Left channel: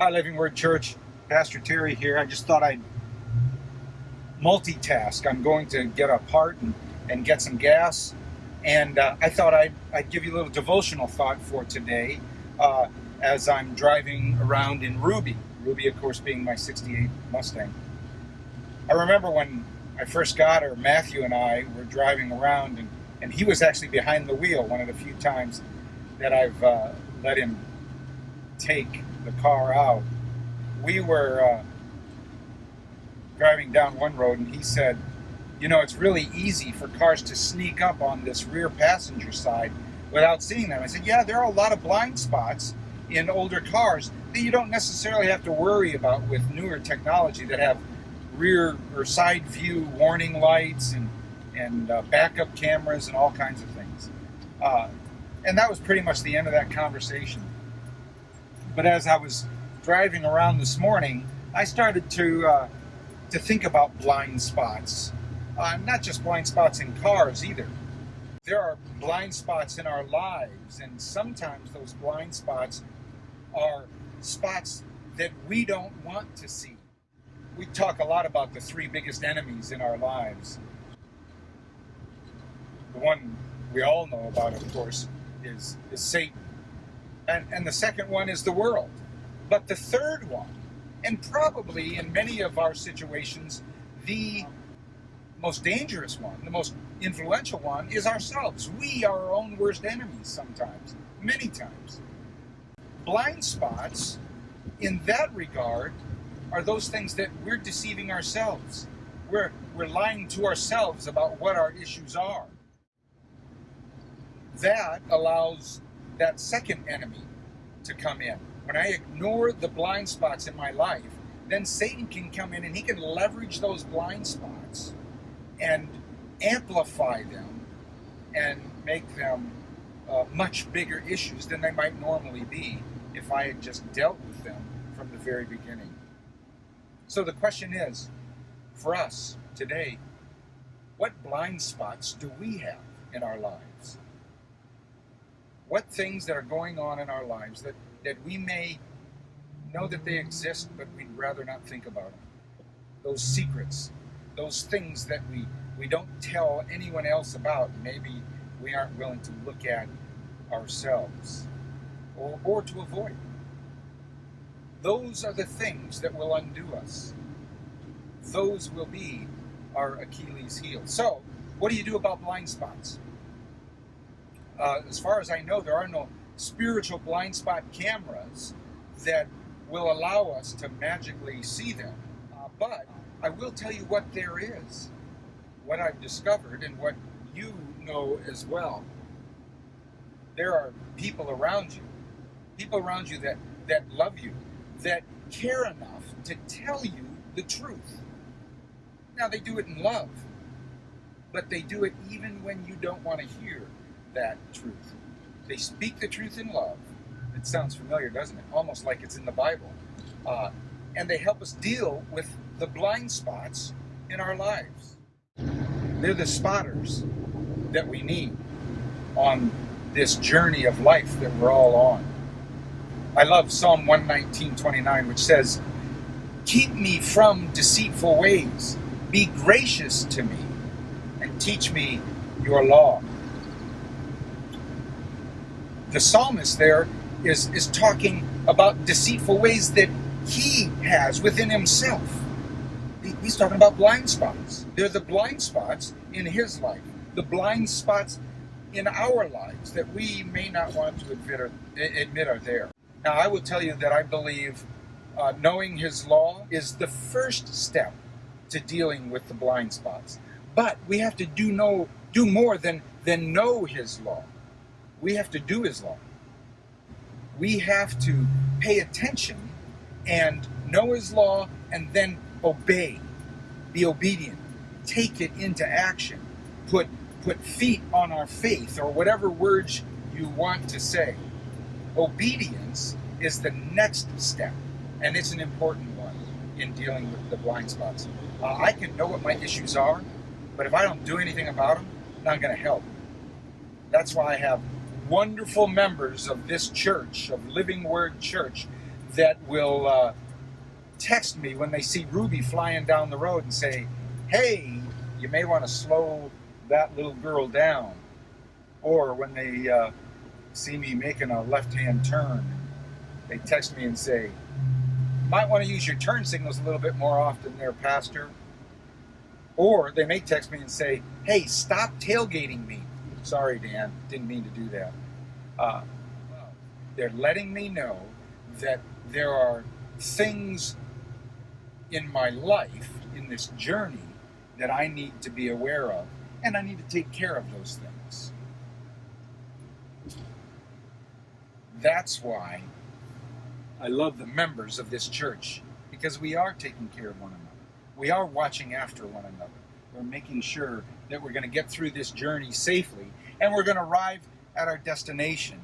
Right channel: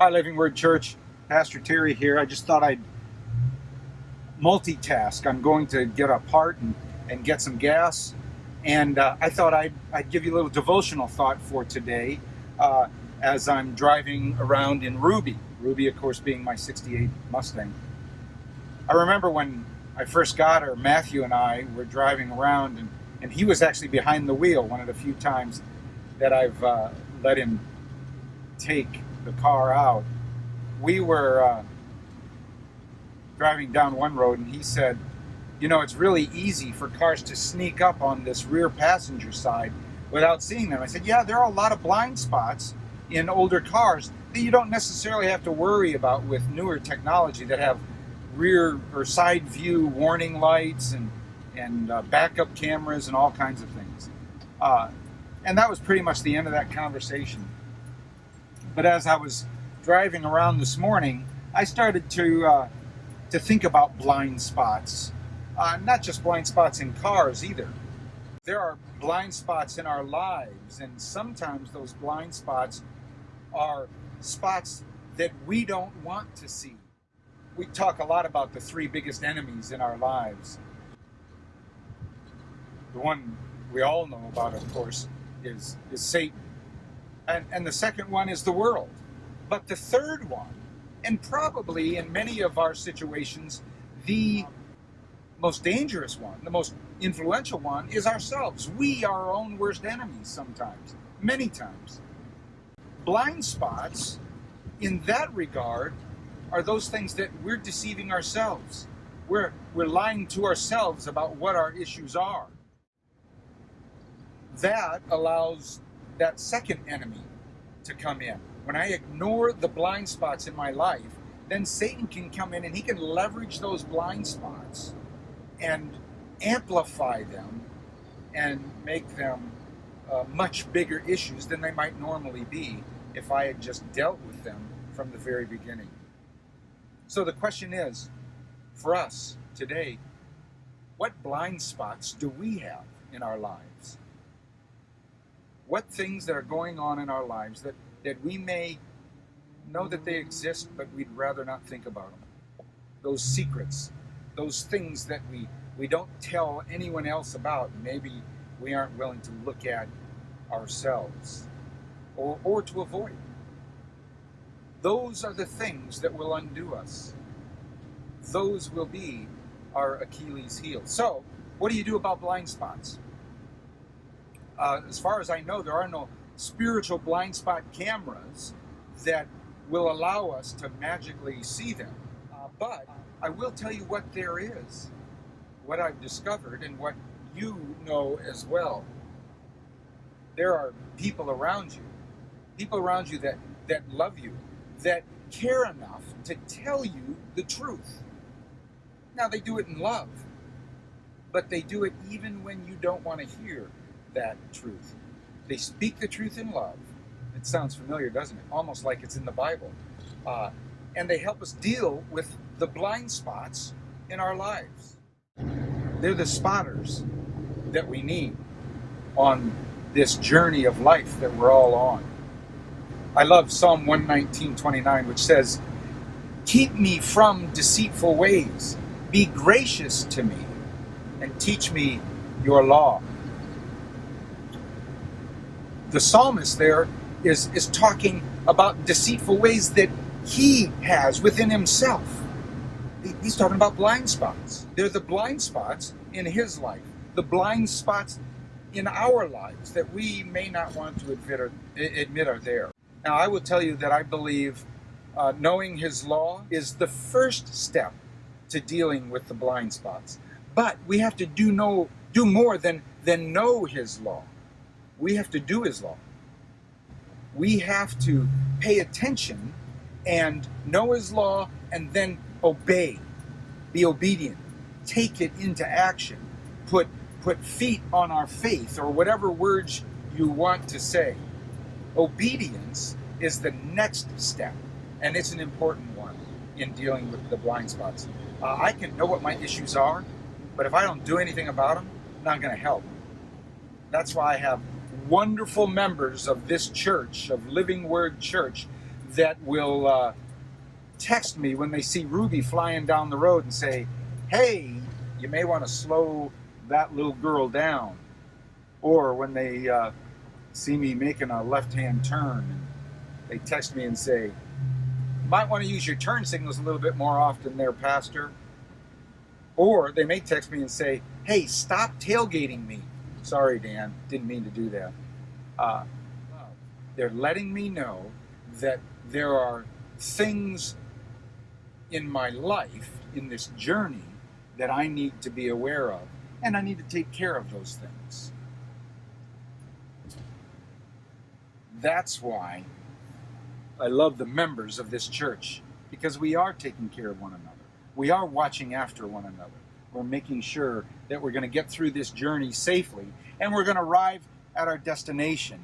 Hi, Living Word Church. Pastor Terry here. I just thought I'd multitask. I'm going to get a part and get some gas. And I thought I'd give you a little devotional thought for today as I'm driving around in Ruby. Ruby, of course, being my 68 Mustang. I remember when I first got her, Matthew and I were driving around, and he was actually behind the wheel one of the few times that I've let him take the car out. We were driving down one road, and he said, it's really easy for cars to sneak up on this rear passenger side without seeing them. I said, yeah, there are a lot of blind spots in older cars that you don't necessarily have to worry about with newer technology that have rear or side view warning lights and backup cameras and all kinds of things. And that was pretty much the end of that conversation. But as I was driving around this morning, I started to think about blind spots. Not just blind spots in cars either. There are blind spots in our lives, and sometimes those blind spots are spots that we don't want to see. We talk a lot about the three biggest enemies in our lives. The one we all know about, of course, is Satan. And the second one is the world. But the third one, and probably in many of our situations, the most dangerous one, the most influential one, is ourselves. We are our own worst enemies sometimes, many times. Blind spots, in that regard, are those things that we're deceiving ourselves. We're lying to ourselves about what our issues are. That allows that second enemy to come in. When I ignore the blind spots in my life, then Satan can come in and he can leverage those blind spots and amplify them and make them much bigger issues than they might normally be if I had just dealt with them from the very beginning. So the question is, for us today, what blind spots do we have in our lives? What things that are going on in our lives that we may know that they exist, but we'd rather not think about them? Those secrets, those things that we don't tell anyone else about, maybe we aren't willing to look at ourselves or to avoid. Those are the things that will undo us. Those will be our Achilles heel. So, what do you do about blind spots? As far as I know, there are no spiritual blind spot cameras that will allow us to magically see them. But I will tell you what there is, what I've discovered, and what you know as well. There are people around you that love you, that care enough to tell you the truth. Now, they do it in love, but they do it even when you don't want to hear that truth. They speak the truth in love. It sounds familiar, doesn't it? Almost like it's in the Bible. And they help us deal with the blind spots in our lives. They're the spotters that we need on this journey of life that we're all on. I love Psalm 119:29, which says, "Keep me from deceitful ways. Be gracious to me and teach me your law." The psalmist there is talking about deceitful ways that he has within himself. He's talking about blind spots. They're the blind spots in his life, the blind spots in our lives that we may not want to admit are there. Now, I will tell you that I believe knowing his law is the first step to dealing with the blind spots. But we have to do more than know his law. We have to do his law. We have to pay attention and know his law and then obey, be obedient, take it into action, put feet on our faith, or whatever words you want to say. Obedience is the next step, and it's an important one in dealing with the blind spots. I can know what my issues are, but if I don't do anything about them, I'm not going to help. That's why I have wonderful members of this church, of Living Word Church, that will text me when they see Ruby flying down the road and say, hey, you may want to slow that little girl down. Or when they see me making a left-hand turn, and they text me and say, you might want to use your turn signals a little bit more often there, Pastor. Or they may text me and say, hey, stop tailgating me. Sorry, Dan, didn't mean to do that. They're letting me know that there are things in my life, in this journey, that I need to be aware of, and I need to take care of those things. That's why I love the members of this church, because we are taking care of one another. We are watching after one another. We're making sure that we're going to get through this journey safely, and we're going to arrive at our destination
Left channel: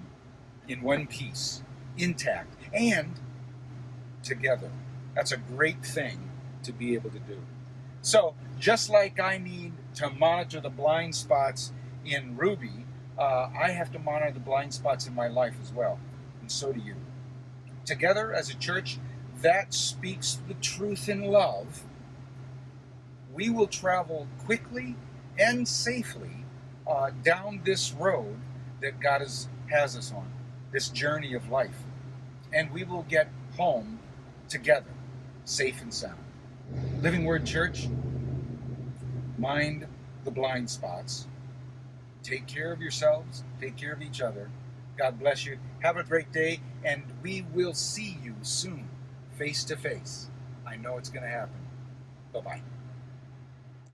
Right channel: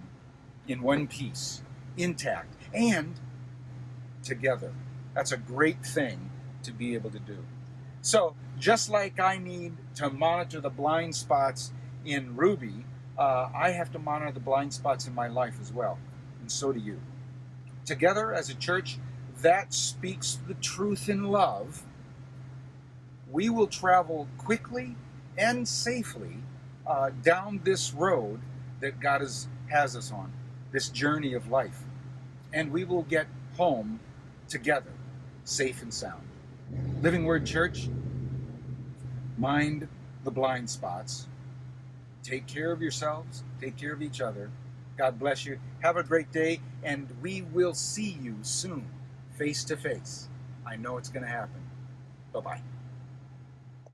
in one piece, intact, and together. That's a great thing to be able to do. So, just like I need to monitor the blind spots in Ruby, I have to monitor the blind spots in my life as well, and so do you. Together as a church that speaks the truth in love, we will travel quickly and safely down this road that God has us on, this journey of life. And we will get home together, safe and sound. Living Word Church, mind the blind spots. Take care of yourselves. Take care of each other. God bless you. Have a great day, and we will see you soon, face to face. I know it's going to happen. Bye-bye.